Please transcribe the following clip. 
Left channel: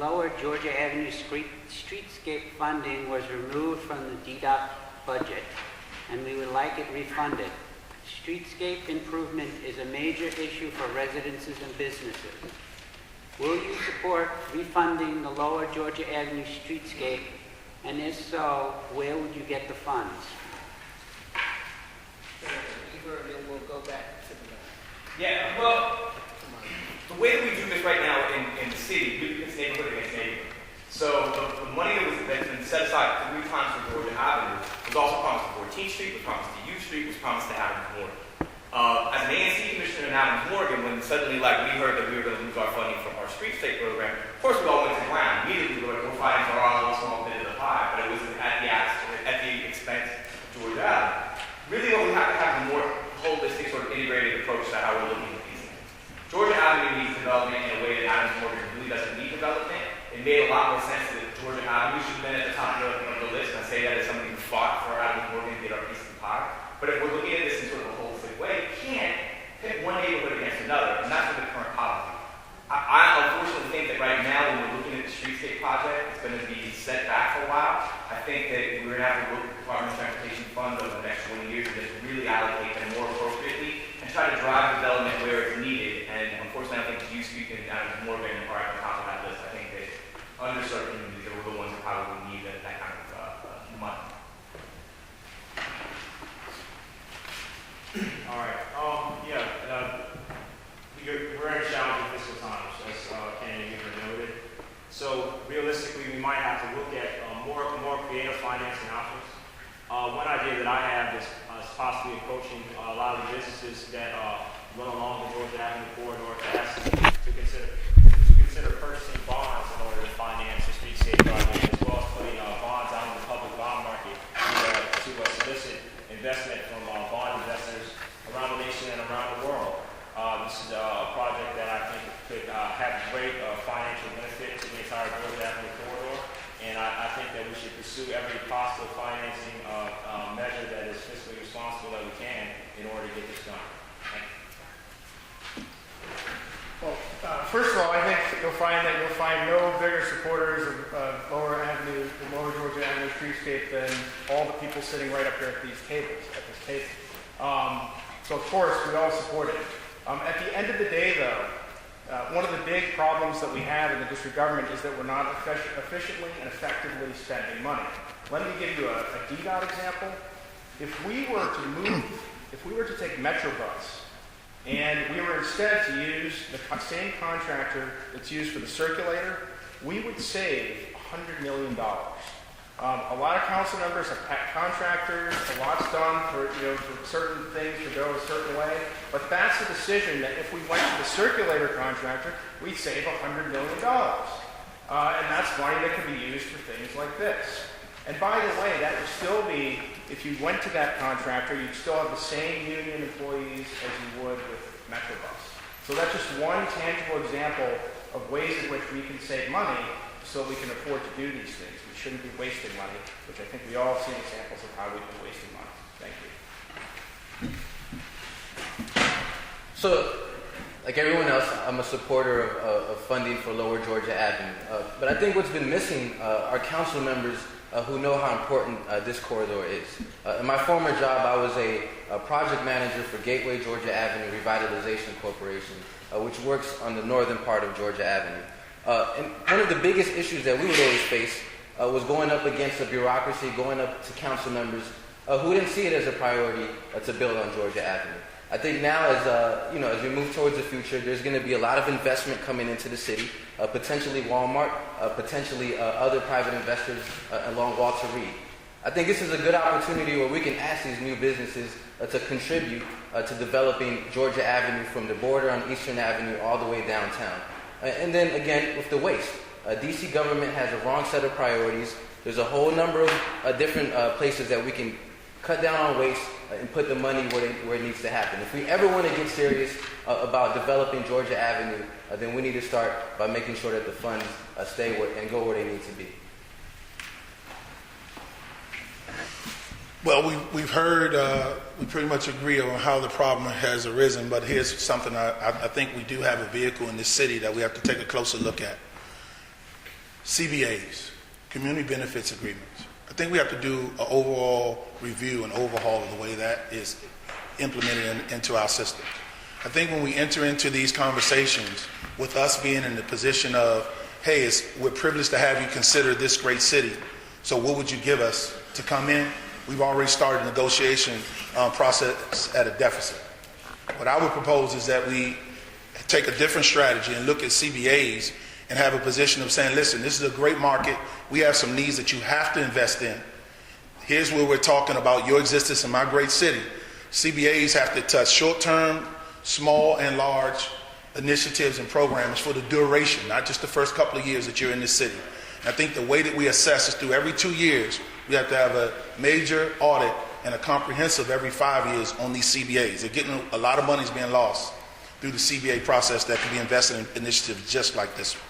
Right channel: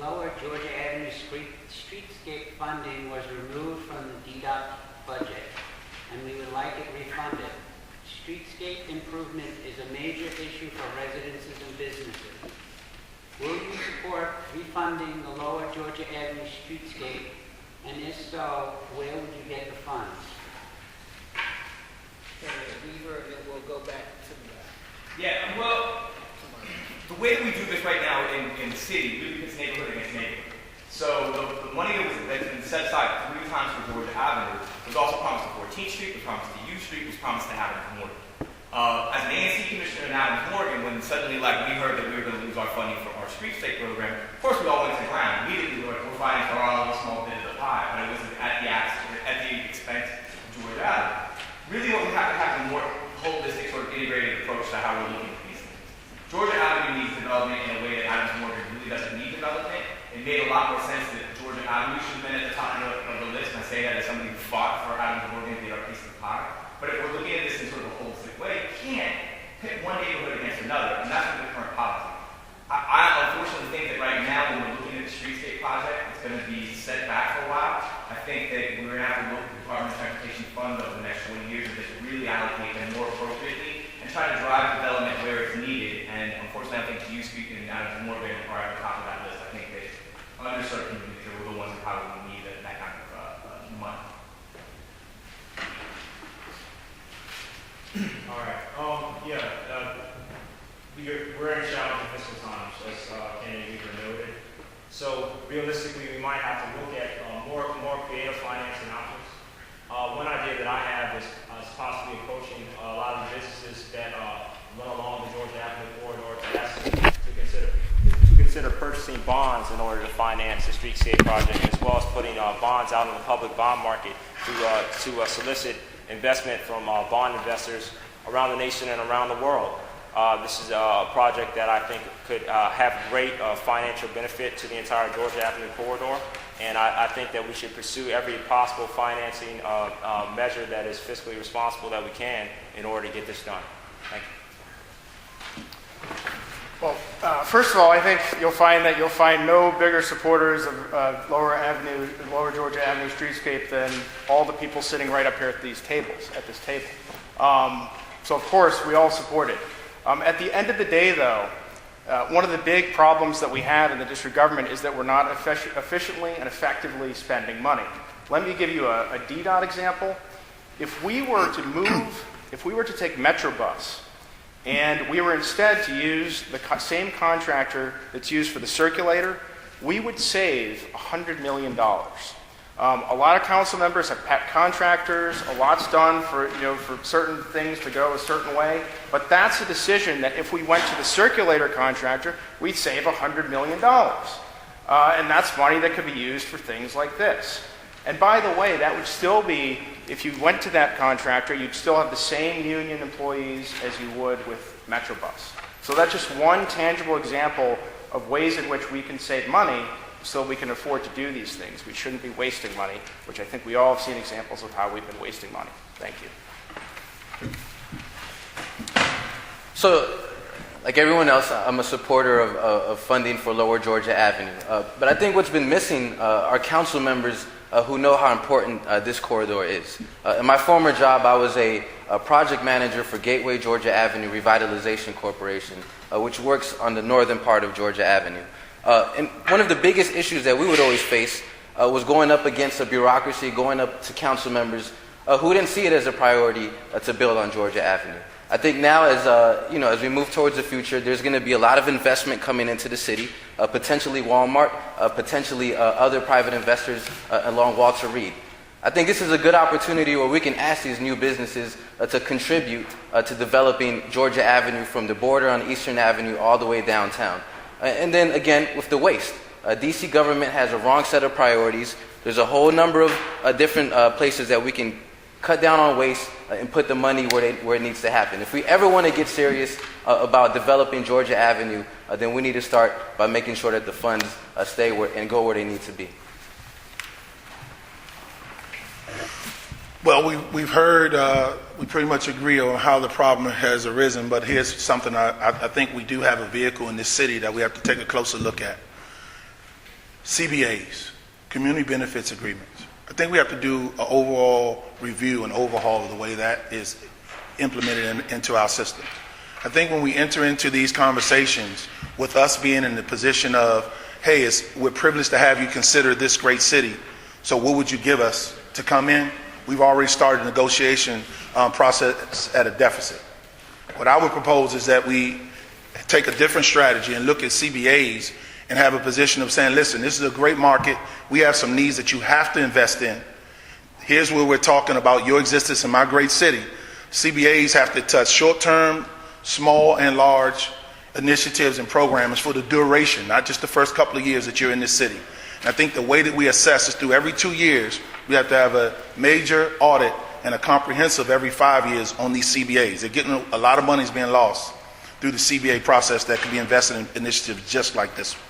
Lower Georgia Avenue streetscape funding was removed from the DDOT budget, and we would like it refunded. Streetscape improvement is a major issue for residences and businesses. Will you support refunding the Lower Georgia Avenue streetscape, and if so, where would you get the funds? We'll go back to the back. Yeah, well, the way that we do this right now in the city, it's neighborhood against neighborhood. So the money that's been set aside 3 times for Georgia Avenue was also promised to 14th Street, was promised to U Street, was promised to Adams Morgan. As an ANC commissioner in Adams Morgan, when suddenly we heard that we were going to lose our funding for our streetscape program, of course we all went to the ground. Immediately we were fighting for our own small bit of the pie, but it was at the expense of Georgia Avenue. Really what we have to have is a more holistic, sort of integrated approach to how we're looking at these things. Georgia Avenue needs development in a way that Adams Morgan really doesn't need development. It made a lot more sense that Georgia Avenue should have been at the top of the list, and I say that as somebody who fought for Adams Morgan and did our piece of the pie. But if we're looking at this in sort of a holistic way, you can't pit one neighborhood against another, and that's the current policy. I unfortunately think that right now, when we're looking at the streetscape project, it's going to be set back for a while. I think that we're going to have to look at the Department of Transportation Fund over the next 20 years and just really allocate them more appropriately and try to drive development where it's needed. And unfortunately, I think you speak and Adams Morgan are at the top of that list. I think that underserved communities are the ones who probably need that kind of money. All right. We're in challenging fiscal times, as Kennedy noted. So realistically, we might have to look at more creative financing options. One idea that I have is possibly approaching a lot of the businesses that run along the Georgia Avenue corridor to consider purchasing bonds in order to finance the streetscape project, as well as putting bonds out in the public bond market to solicit investment from bond investors around the nation and around the world. This is a project that I think could have great financial benefit to the entire Georgia Avenue corridor, and I think that we should pursue every possible financing measure that is fiscally responsible that we can in order to get this done. Thank you. Well, first of all, I think you'll find no bigger supporters of Lower Georgia Avenue streetscape than all the people sitting right up here at this table. So of course, we all support it. At the end of the day, though, one of the big problems that we have in the district government is that we're not efficiently and effectively spending money. Let me give you a DDOT example. If we were to take Metrobus, and we were instead to use the same contractor that's used for the circulator, we would save $100 million. A lot of council members have pet contractors. A lot's done for certain things to go a certain way. But that's a decision that if we went to the circulator contractor, we'd save $100 million. And that's money that could be used for things like this. And by the way, that would still be, if you went to that contractor, you'd still have the same union employees as you would with Metrobus. So that's just one tangible example of ways in which we can save money so we can afford to do these things. We shouldn't be wasting money, which I think we all have seen examples of how we've been wasting money. Thank you. So, like everyone else, I'm a supporter of funding for Lower Georgia Avenue. But I think what's been missing are council members who know how important this corridor is. In my former job, I was a project manager for Gateway Georgia Avenue Revitalization Corporation, which works on the northern part of Georgia Avenue. And one of the biggest issues that we would always face was going up against a bureaucracy, going up to council members who didn't see it as a priority to build on Georgia Avenue. I think now, as we move towards the future, there's going to be a lot of investment coming into the city, potentially Walmart, potentially other private investors along Walter Reed. I think this is a good opportunity where we can ask these new businesses to contribute to developing Georgia Avenue from the border on Eastern Avenue all the way downtown. And then again, with the waste, DC government has a wrong set of priorities. There's a whole number of different places that we can cut down on waste and put the money where it needs to happen. If we ever want to get serious about developing Georgia Avenue, then we need to start by making sure that the funds stay and go where they need to be. Well, we've heard, we pretty much agree on how the problem has arisen, but here's something I think we do have a vehicle in this city that we have to take a closer look at. CBAs, community benefits agreements. I think we have to do an overall review and overhaul of the way that is implemented into our system. I think when we enter into these conversations with us being in the position of, hey, we're privileged to have you consider this great city, so what would you give us to come in? We've already started a negotiation process at a deficit. What I would propose is that we take a different strategy and look at CBAs and have a position of saying, listen, this is a great market. We have some needs that you have to invest in. Here's where we're talking about your existence in my great city. CBAs have to touch short-term, small and large initiatives and programs for the duration, not just the first couple of years that you're in this city. And I think the way that we assess is through every 2 years, we have to have a major audit and a comprehensive every 5 years on these CBAs. They're getting a lot of money is being lost through the CBA process that can be invested in initiatives just like this one.